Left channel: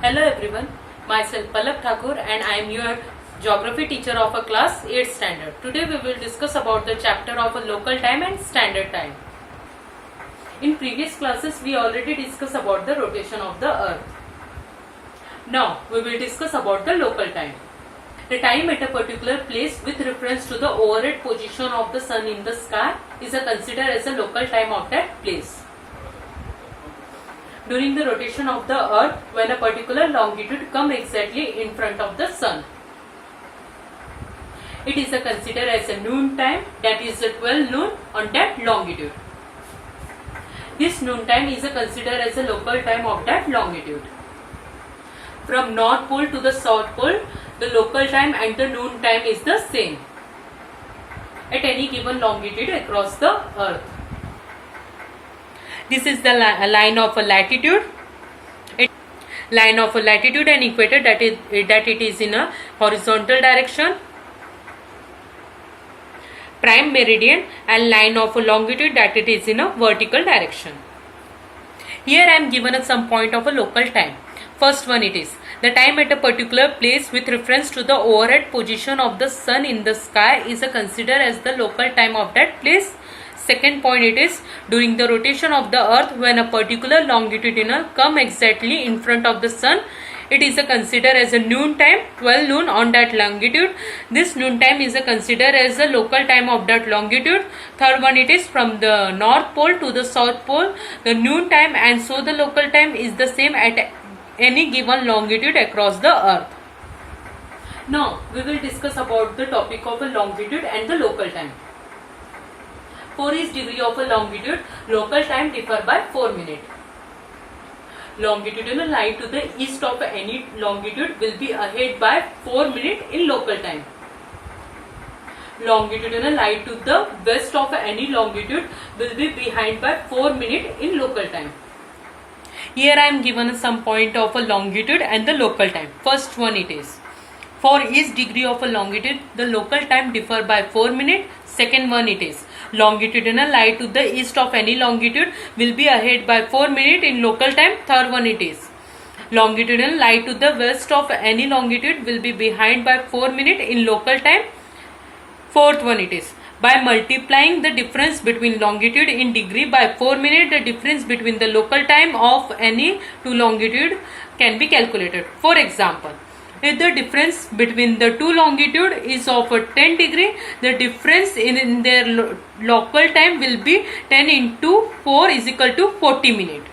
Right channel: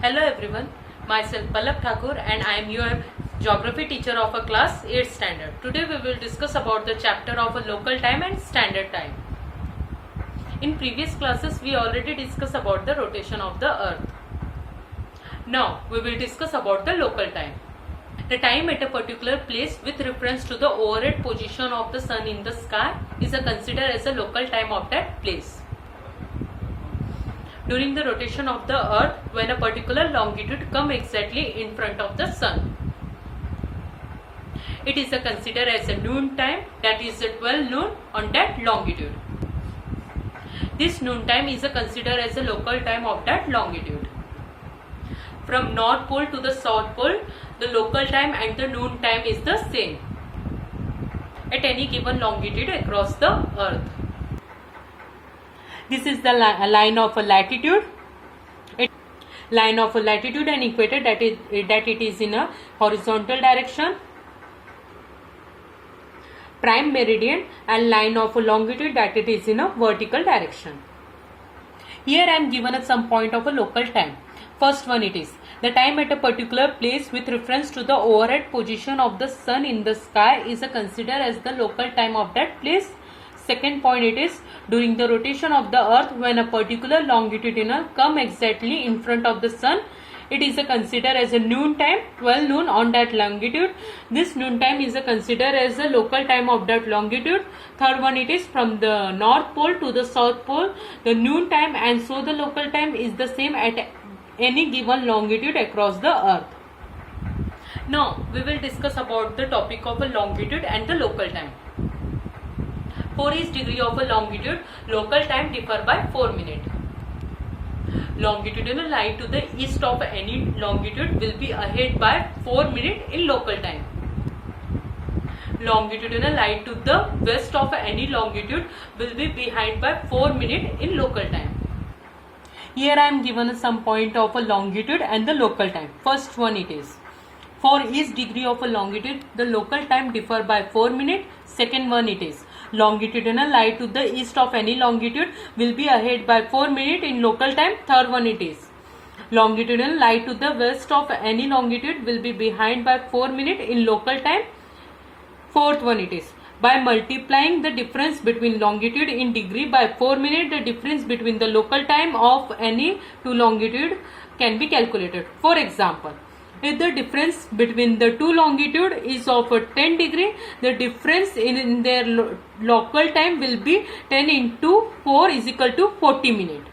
Hello everyone, myself Pallab Thakur and I am your geography teacher of a class 8th standard. Today we will discuss about the chapter of a local time and standard time. In previous classes we already discussed about the rotation of the earth. Now we will discuss about the local time. The time at a particular place with reference to the overhead position of the sun in the sky is considered as a local time of that place. During the rotation of the earth when a particular longitude comes exactly in front of the sun. It is considered as a noon time, that is 12 noon on that longitude. This noon time is considered as a local time of that longitude. From North Pole to the South Pole, the local time and the noon time is the same at any given longitude across the earth. This is the line of a latitude. Line of a latitude and equator that it is in a horizontal direction. Prime meridian and line of a longitude that it is in a vertical direction. Here I am given some point of a local time. First one it is the time at a particular place with reference to the overhead position of the sun in the sky is considered as the local time of that place. Second point it is during the rotation of the earth when a particular longitudinal come exactly in front of the sun, it is considered as a noon time, 12 noon on that longitude. This noon time is considered as the local time of that longitude. Third one it is from the North Pole to the South Pole, the noon time, and so the local time is the same at any given longitude across the earth. Now we will discuss about the topic of a longitude and the local time. For each degree of a longitude, local time differ by 4 minutes. Longitudinal line to the east of any longitude will be ahead by 4 minutes in local time. Longitudinal line to the west of any longitude will be behind by 4 minutes in local time. Here I am given some point of a longitude and the local time. First one it is. For each degree of a longitude, the local time differ by 4 minutes. Second one it is. Longitudinal line to the east of any longitude will be ahead by 4 minutes in local time. Third one it is. Longitudinal line to the west of any longitude will be behind by 4 minutes in local time. Fourth one it is. By multiplying the difference between longitude in degree by 4 minutes, the difference between the local time of any two longitude can be calculated. For example, if the difference between the two longitude is of 10 degree, the difference in their local time will be 10 into 4 is equal to 40 minutes.